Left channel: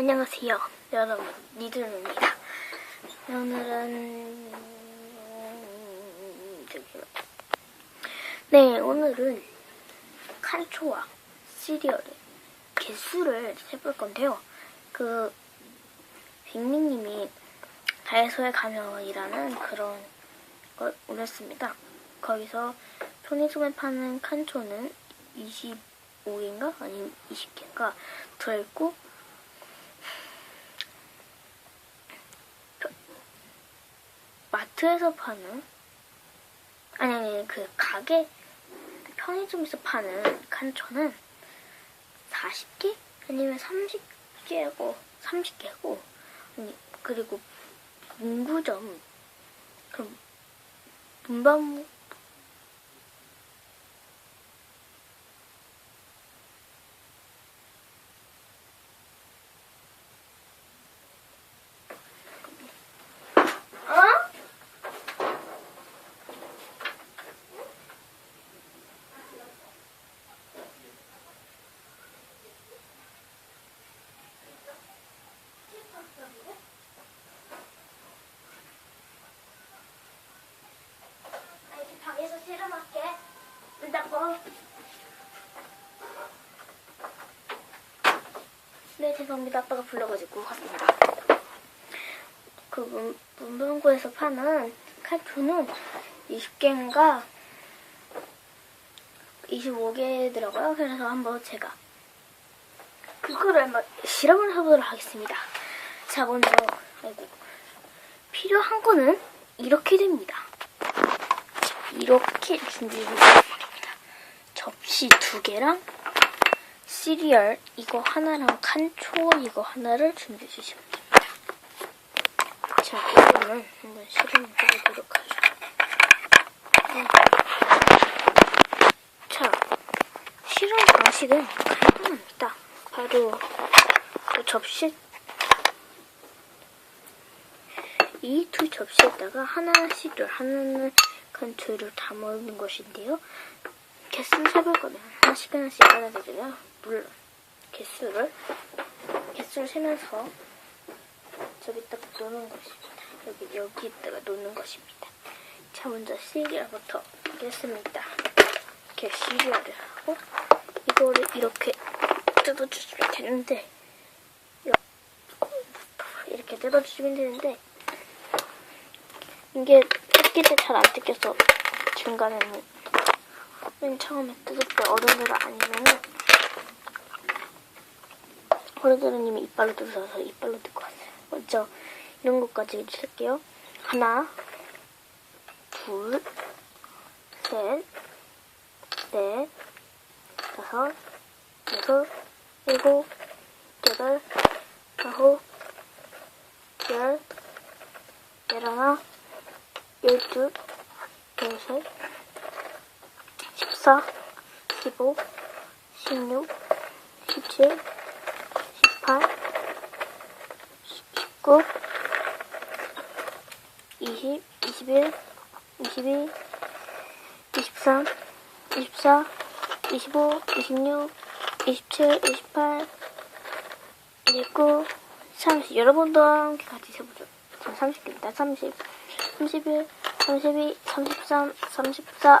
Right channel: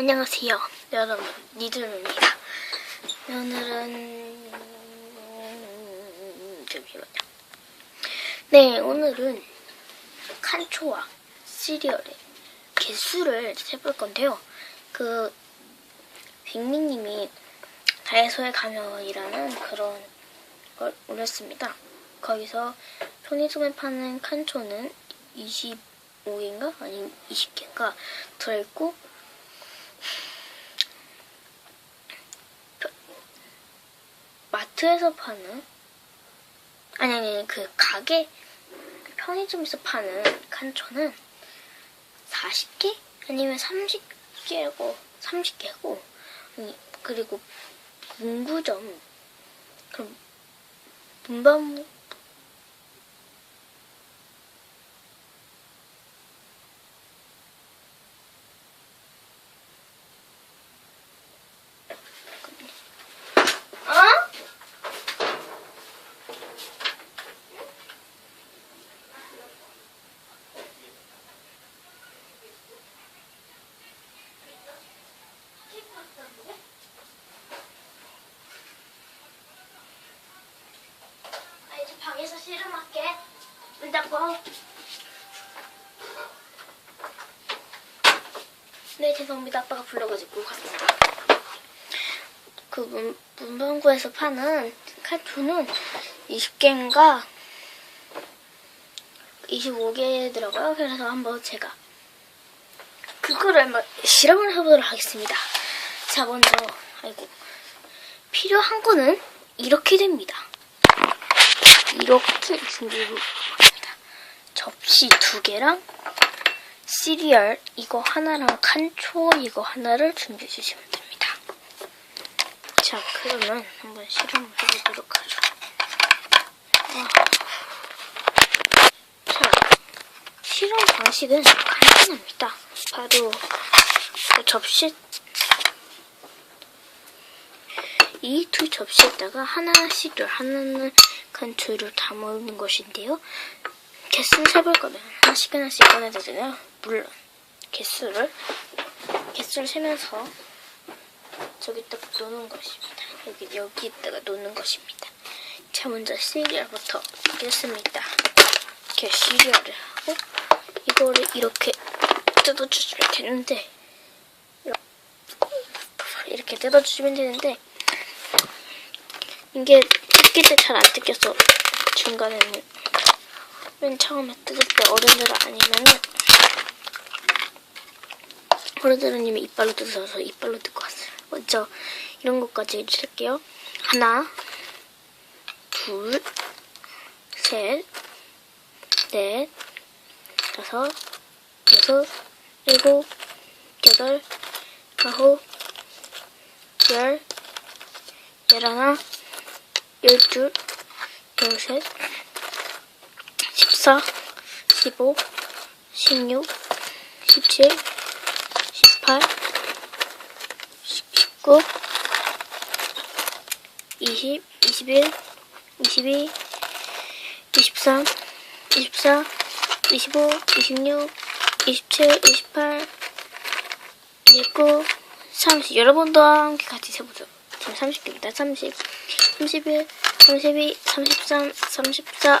안녕하세요, 여러분. 니들입니다. 오늘은 잠시만요. 네, 오늘은 칸초와 시리얼의 개수를 세볼 건데요. 그 빅미님이 다이소에 가면 이라는 그런 걸 올렸습니다. 거기서 편의점에 파는 칸초는 25개인가 아니면 20개인가 들어있고 마트에서 파는? 아니 아니 그 가게? 편의점에서 파는 칸초는 40개? 아니면 30개고 30개고? 그리고 문구점. 그럼 문방구 어? 아, 이제 방에서 실험할게. 문 닫고. 네, 죄송합니다. 아빠가 불러가지고 갔습니다. 그 문, 문방구에서 파는 칼초는 20개인가 25개더라고요. 그래서 한번 제가 그거를 한번 실험을 해보도록 하겠습니다. 자, 먼저 아이고 필요한 거는 이렇게 됩니다. 이렇게 준비해보겠습니다. 접시 두 개랑 시리얼 이거 하나랑 칸초 이거 하나를 준비해 주시면 됩니다. 자, 그러면 한번 실험을 해보도록 하죠. 아. 자, 실험 방식은 간단합니다. 바로 그 접시 이 두 접시에다가 하나 시리얼, 하나는 칸초를 담아놓는 것인데요. 개수를 세볼 거면 하나씩 하나씩 꺼내도 되나요? 물론 개수를 개수를 세면서 저기다가 놓는 것입니다. 여기 여기다가 놓는 것입니다. 자 먼저 시리얼부터 넣습니다. 이렇게 시리얼을 하고 이거를 이렇게 뜯어주시면 되는데 이렇게 뜯어주시면 되는데 이게 뜯길 때 잘 안 뜯겨서 중간에는 맨 처음에 뜯을 때 어른들 아니면은 어른들은 이미 이빨로 뜯어서 이빨로 뜯고 왔어요. 먼저 이런 것까지 해줄게요. 하나, 둘, 셋, 넷, 다섯, 여섯, 일곱, 여덟, 아홉, 열, 열하나, 열둘, 열셋, 십사, 십오, 십육, 십칠, 십팔, 십구, 이십, 이십일, 이십이, 이십삼, 이십사, 이십오, 이십육, 이십칠, 이십팔, 이십구, 삼십. 여러분도 함께 같이 세보죠. 지금 30개입니다. 30, 31, 32, 33, 34,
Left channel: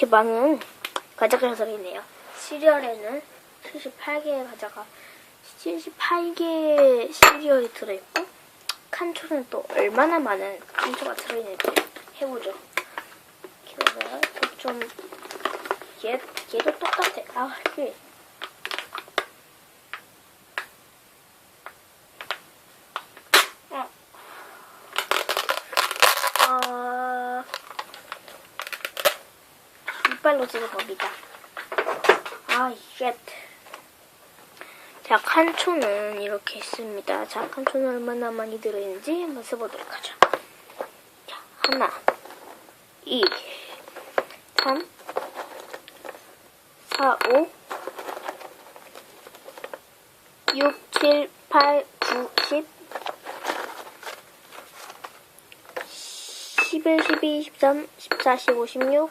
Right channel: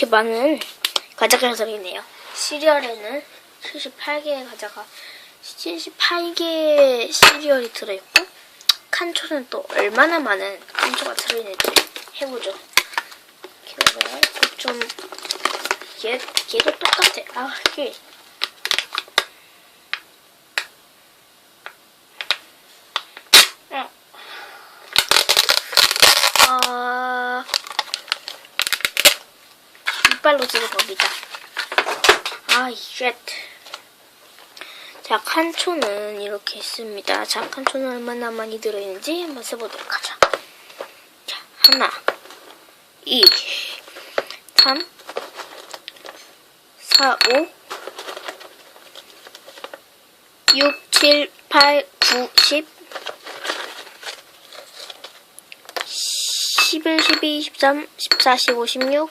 야, 이렇게 많은 과자가 들어있네요. 시리얼에는 78개의 과자가 78개의 시리얼이 들어있고 칸초는 또 얼마나 많은 칸초가 들어있는지 해보죠. 기다려봐요. 좀 얘, 얘도 똑같아. 아, 이게 어, 이빨로 찍은 겁니다. 아, 쉣. 자, 칸초는 이렇게 있습니다. 자, 칸초는 얼마나 많이 들어있는지 한번 써보도록 하죠. 자, 하나, 이, 삼, 사, 오, 육, 칠, 팔, 구, 십, 11, 12, 13, 14, 15, 16,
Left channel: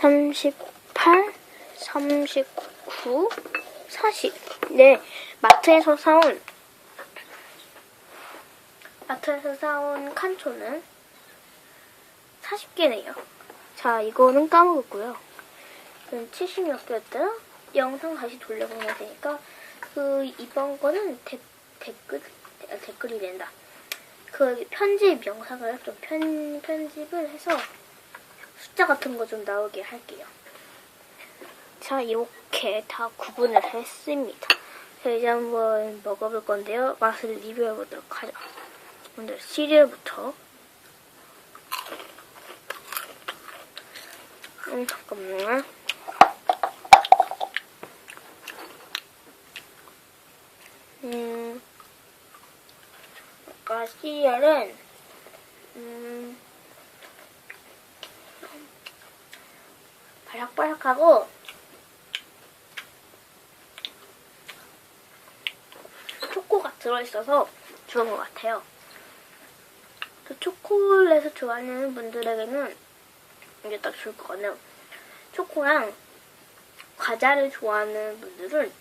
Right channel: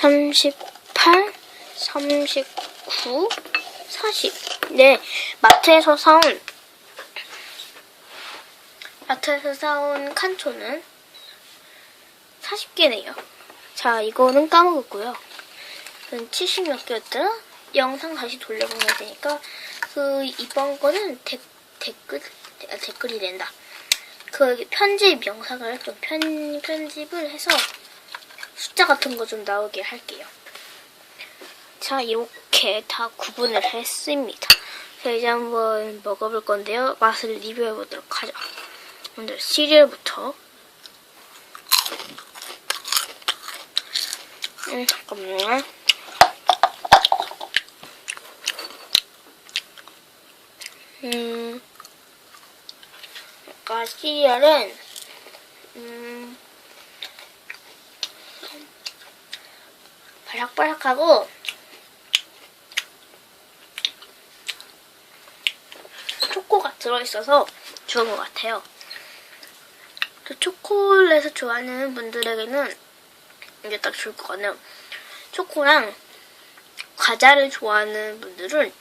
38, 39, 40. 네, 마트에서 사온 마트에서 사온 칸초는 40개네요. 자, 이거는 까먹었고요. 70몇 개였더라? 영상 다시 돌려보면 되니까 그 이번 거는 데, 댓글 아, 댓글이 된다. 그 편집 영상을 좀 편, 편집을 해서 숫자 같은 거 좀 나오게 할게요. 자, 이렇게 다 구분을 했습니다. 자, 이제 한번 먹어볼 건데요. 맛을 리뷰해 보도록 하죠. 먼저 시리얼부터. 음, 잠깐만요. 음, 아까 시리얼은, 음, 바삭바삭하고, 초코가 들어있어서 좋은 것 같아요. 그 초콜릿을 좋아하는 분들에게는 이게 딱 좋을 것 같네요. 초코랑 과자를 좋아하는 분들은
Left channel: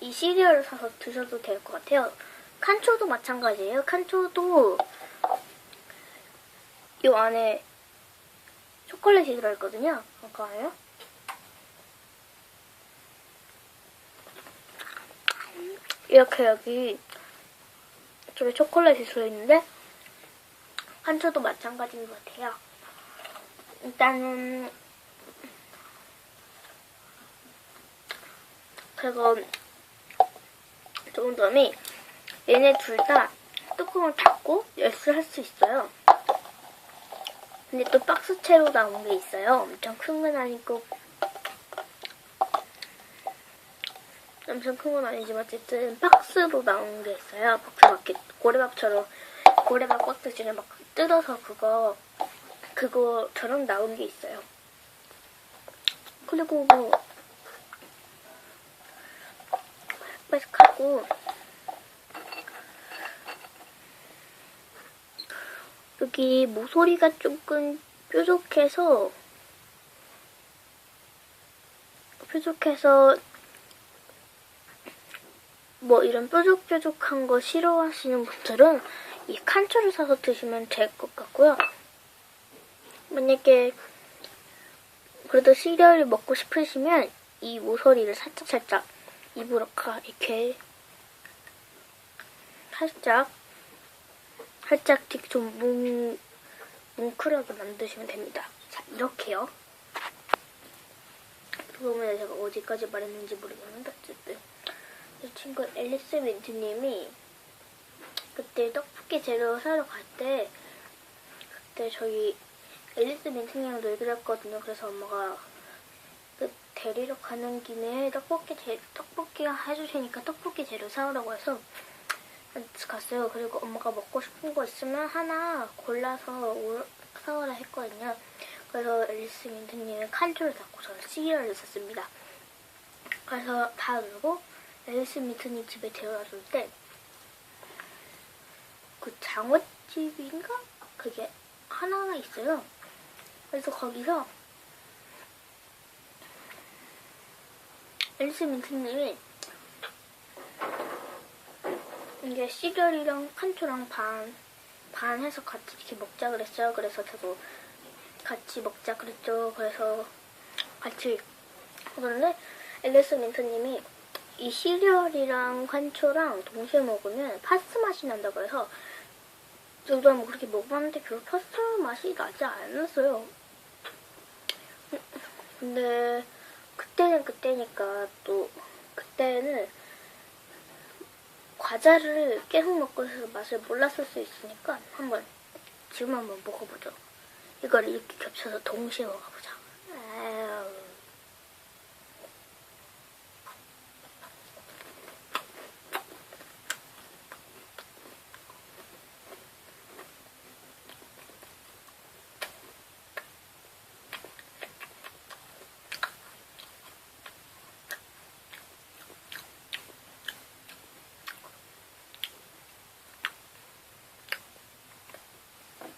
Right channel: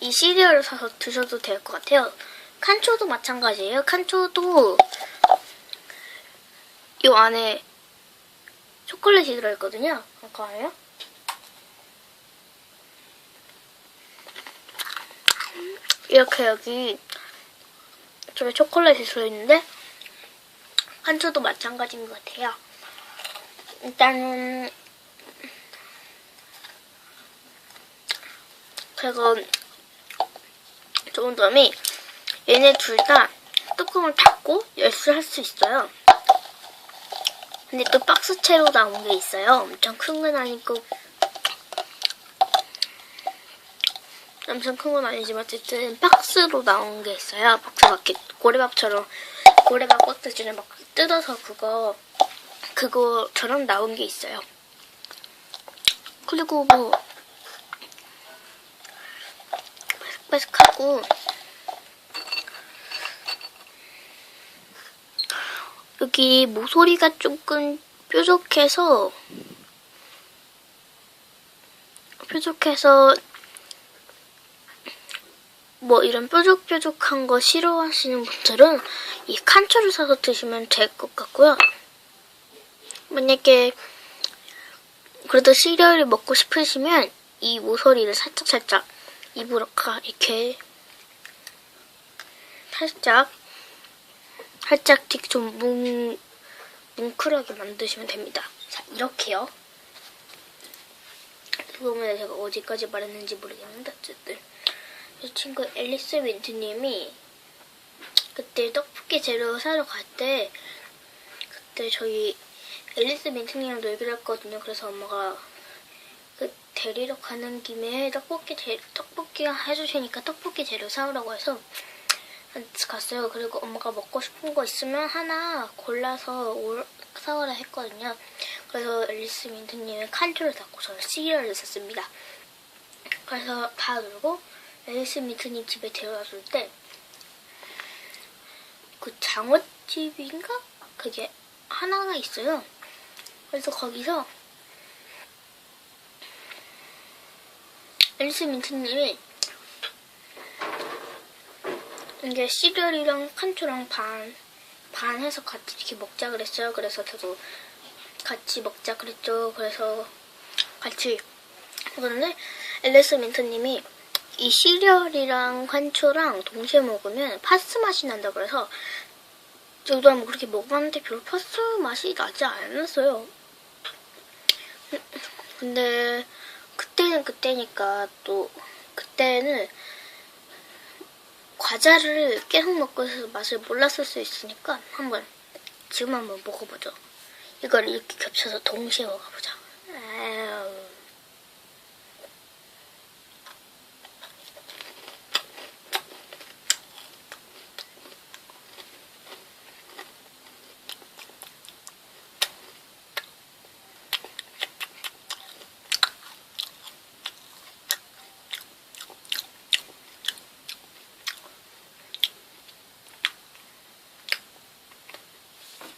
이 시리얼을 사서 드셔도 될 것 같아요. 칸초도 마찬가지예요. 칸초도 이 안에 초콜릿이 들어있거든요. 잠깐만요. 이렇게 여기 저기 초콜릿이 들어있는데 칸초도 마찬가지인 것 같아요. 일단은 그리고 좋은 점이 얘네 둘 다 뚜껑을 닫고 열수할 수 있어요. 근데 또 박스채로 나온 게 있어요. 엄청 큰 건 아니고 엄청 큰 건 아니지만 어쨌든 박스로 나온 게 있어요. 박스 밖에 고래밥처럼 고래밥 껍질을 막 뜯어서 그거 그거처럼 나온 게 있어요. 그리고 뭐 바삭바삭하고 여기 모서리가 조금 뾰족해서 뾰족해서 뭐 이런 뾰족뾰족한 거 싫어하시는 분들은 이 칸초를 사서 드시면 될 것 같고요. 만약에 그래도 시리얼을 먹고 싶으시면 이 모서리를 살짝살짝 입으로 가 이렇게 살짝 살짝 좀 뭉, 뭉클하게 만드시면 됩니다. 자, 이렇게요. 그러면 제가 어디까지 말했는지 모르겠는데 어쨌든 이 친구 앨리스 민트님이 그때 떡볶이 재료 사러 갈 때 그때 저희 앨리스 민트님이랑 놀기로 했거든요. 그래서 엄마가 그 데리러 가는 김에 떡볶이 재 떡볶이 해주시니까 떡볶이 재료 사오라고 해서 갔어요. 그리고 엄마가 먹고 싶은 거 있으면 하나 골라서 올- 사오라 했거든요. 그래서 앨리스 민트님은 칸초를 닫고 저는 시리얼을 샀습니다. 그래서 다 놀고 앨리스 미트님 집에 데려왔을 때 그 장어집인가? 그게 하나가 있어요. 그래서 거기서 앨리스 민트님이 이게 시리얼이랑 칸초랑 반, 반 해서 같이 이렇게 먹자 그랬어요. 그래서 저도 같이 먹자 그랬죠. 그래서 같이 먹었는데 앨리스 민트님이 이 시리얼이랑 칸초랑 동시에 먹으면 파스 맛이 난다 그래서 저도 한번 그렇게 먹어봤는데 별로 파스 맛이 나지 않았어요. 근데 그때는 그때니까 또 그때는 과자를 계속 먹고 있어서 맛을 몰랐을 수 있으니까 한번 지금 한번 먹어보죠. 이걸 이렇게 겹쳐서 동시에 먹어보자. 아유.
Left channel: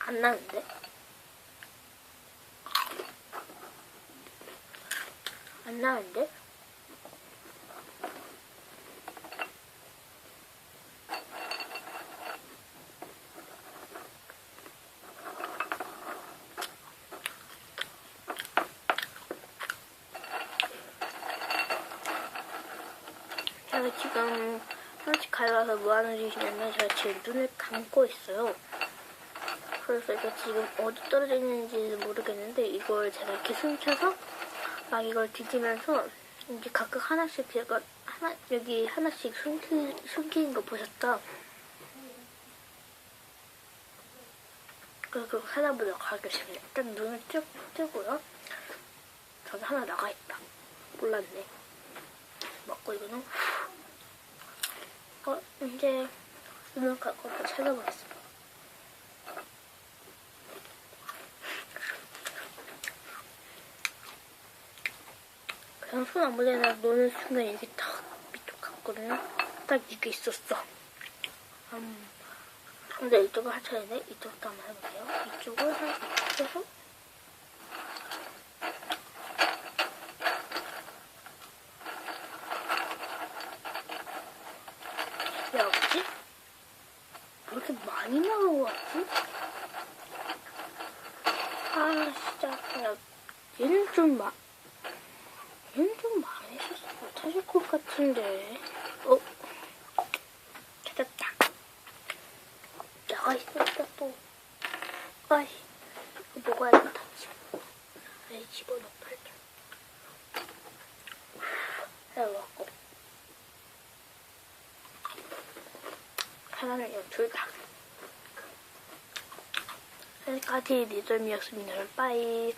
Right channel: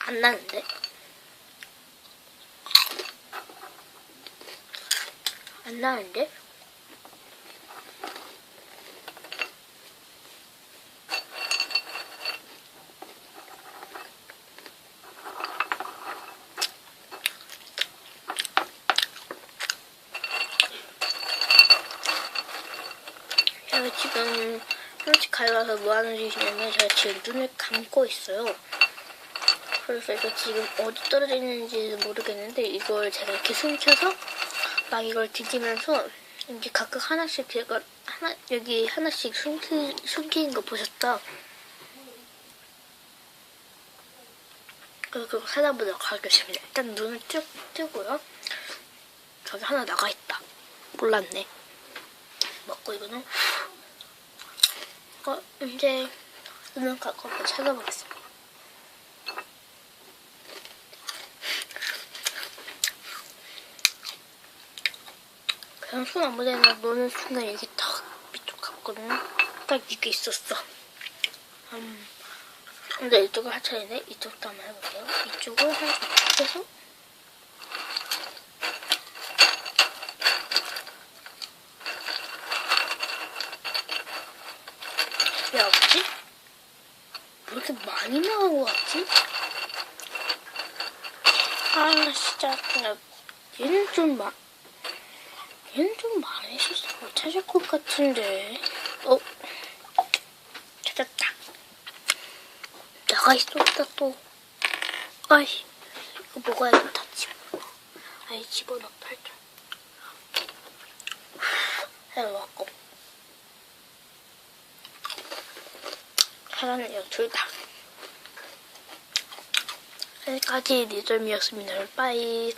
안 나는데? 안 나는데? 제가 지금 한식 가져와서 뭐 하는 짓이냐면 제가 지금 눈을 감고 있어요. 그래서 이거 지금 어디 떨어져 있는지 모르겠는데 이걸 제가 이렇게 숨겨서 막 이걸 뒤지면서 이제 각각 하나씩 제가 하나 여기 하나씩 숨기, 숨기는 거 보셨죠? 그래서 그거 찾아보도록 하겠습니다. 일단 눈을 쭉 뜨고요. 저기 하나 나가 있다. 몰랐네. 먹고 이거는 어 이제 눈을 한번 찾아보겠습니다. 그냥 손 아무데나 놓는 순간 이게 탁 밑으로 갔거든요. 딱 이게 있었어. 음. 근데 이쪽을 하차해네. 이쪽도 한번 해볼게요. 이쪽을 한 이쪽에서 왜 없지? 왜 이렇게 많이 나온 것 같지? 아 진짜 그냥 얘는 좀 막. 얘는 좀 많이 실수 못 찾을 것 같은데. 어? 찾았다. 나가 있었다 또. 아이, 이거 먹어야겠다. 집어. 아이, 집어넣어, 팔자. 해놓고. 하나는요, 둘 다. 여기까지 리절미였습니다. 빠이.